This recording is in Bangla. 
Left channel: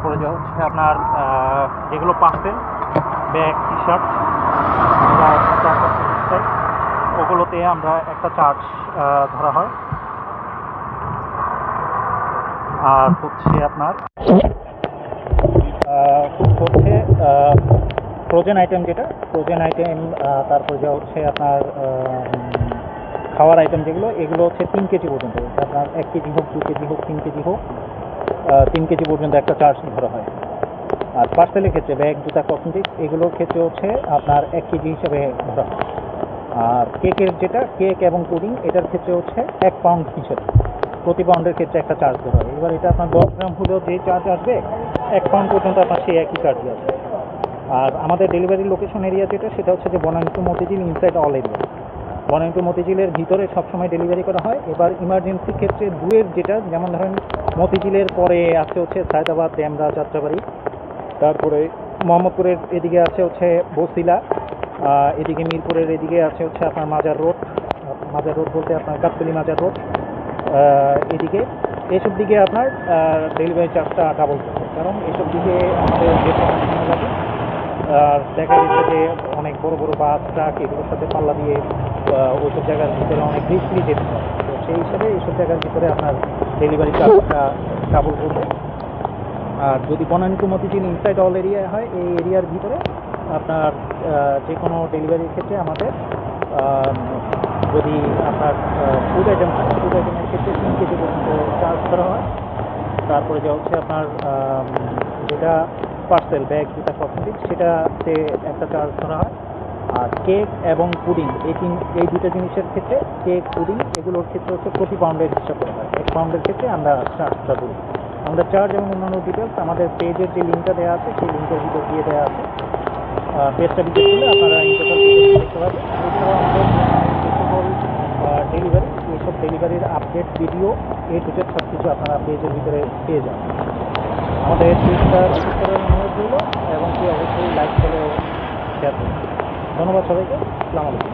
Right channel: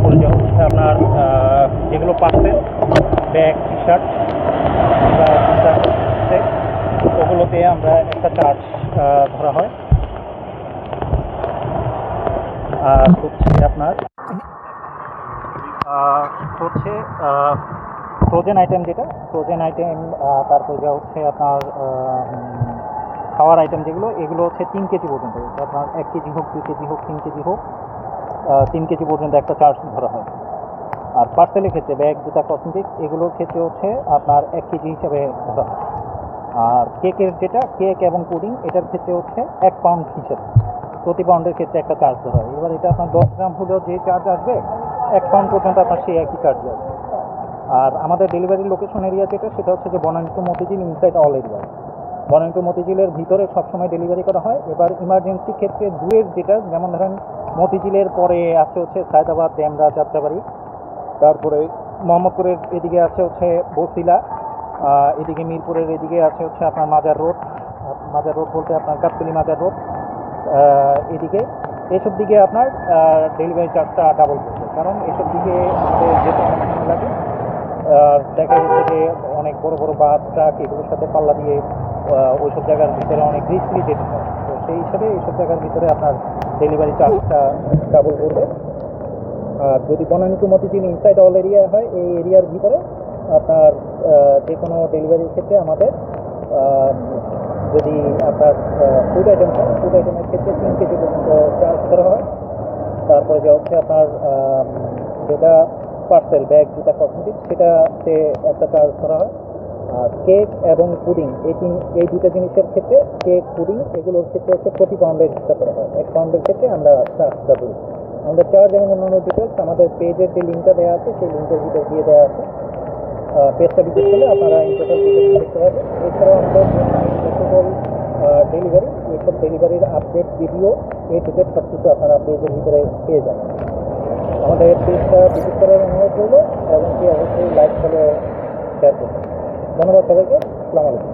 তারপরে যে হচ্ছে আপনার যেগুলো পার্সেল ব্যাগ টি শার্ট বা সেট, ওগুলোতে আমরা একটা চার্জ ধরা হয়। আর হচ্ছে আপনার হচ্ছে ফ্রোজেন আইটেম, যেটা ফ্রোজেন আইটেম, তারপর যা হচ্ছে আপনার খাওয়ার আইটেম যেগুলো, এগুলো হচ্ছে 3 কেজি পর্যন্ত, আপনার 1 কেজি হোক, 2 কেজি হোক, 3 কেজি হোক, 3 কেজি পর্যন্ত একটা চার্জ ধরা হয়। আর পার্সেলের ক্ষেত্রে ব্যাগ, জুতা, কসমেটিক্স এগুলোর ক্ষেত্রে হচ্ছে আপনার 1 কেজি হিসাবে ধরা হয়। আর কেকের যেটা কেক এবং পুডিং, এটার ক্ষেত্রে হচ্ছে 1 পাউন্ড হিসেবে, প্রতি পাউন্ডের ক্ষেত্রে একটা চার্জ ধরা হয়। এবার এটা আপনার 10 গ্রাম হলেও যে চার্জ আসবে, 1 পাউন্ড পর্যন্ত আপনার সেই একই চার্জ আসবে। আর আমাদের ডেলিভারি লোকেশন এরিয়া যেটা, সেটা হচ্ছে যে Banani to Motijheel inside all area. Banani to মতিঝিলের ভিতরে সবসময় ডেলিভারি করা হয়। এবার ইমার্জেন্সি ক্ষেত্রে দূরের যেটা, যেমন ধরেন মতিঝিলের পরে আছে হচ্ছে সায়দাবাদ, ডেমরা, যাত্রাবাড়ি, তারপরে মোহাম্মদপুরের এদিকে আছে হচ্ছে বসিলা, এদিকে মিরপুরের এদিকে আছে হচ্ছে আপনার মাজার রোড, মাজার রোড বলতে আপনার গাবতলী মাজার রোড, এদিকে এসব দিকে আপনার ডেলিভারি চার্জটা ডাবল করবে, কারণ এসব দিকে আমাদের যেতে অনেক সময় লাগে। আর দেখা যাচ্ছে যে অনেক বড় বড় বাস, ট্রাক এগুলোর সাথে পাল্লা দিয়ে ওইসব জায়গার ভিতরে অনেক রিস্কলি যেতে হয়। তো সেই হিসাবে এইসব জায়গার ভিতরে আপনার ডেলিভারি চার্জটা ডাবল করবে। আর যদি Banani to Motijheel inside all area হয়, এই এরিয়ার ভিতরে আপনার যে কোনো ডেলিভারির ক্ষেত্রে আমাদের যদি আপনার ফুড আইটেম হয়, ফুড আইটেমের ক্ষেত্রে 3 কেজি পর্যন্ত চার্জ করা হয়। তারপরে যে হচ্ছে আপনার যেটা পার্সেল ব্যাগ, জুতা, কসমেটিক্স, সেটাতে একটা চার্জ ধরা হয়। আর কেক এবং পুডিং, এই দুইটা জিনিসের ক্ষেত্রে, কেক, পুডিং এগুলোর ক্ষেত্রে হচ্ছে প্রতি পাউন্ডের হিসাব করা হয়। 1 পাউন্ডের ক্ষেত্রে আমরা চার্জটা দিই। আমাদের চার্জ এবং অন্যান্য ডিটেলস আমাদের পেজের যে লিঙ্কটা দেওয়া আছে, সেই লিঙ্কের ভিতর দিয়ে দেওয়া আছে। পেজটা ভিজিট করলে আপনারা এই টোটাল ডিটেলস দেখতে পাবেন। এছাড়াও আমাদের যে সকল ডেলিভারি, এইসব ডেলিভারির আপডেট, ভিডিও, টু জেড সব কিছু আপনারা পেজের ভিতরে পেয়ে যাবেন। আমাদের পেজটা ভিজিট করার অনুরোধ রইল, এবং কি অবশ্যই লাইক, ফলো, শেয়ার করবেন। ধন্যবাদ সবাইকে। আসসালামু আলাইকুম।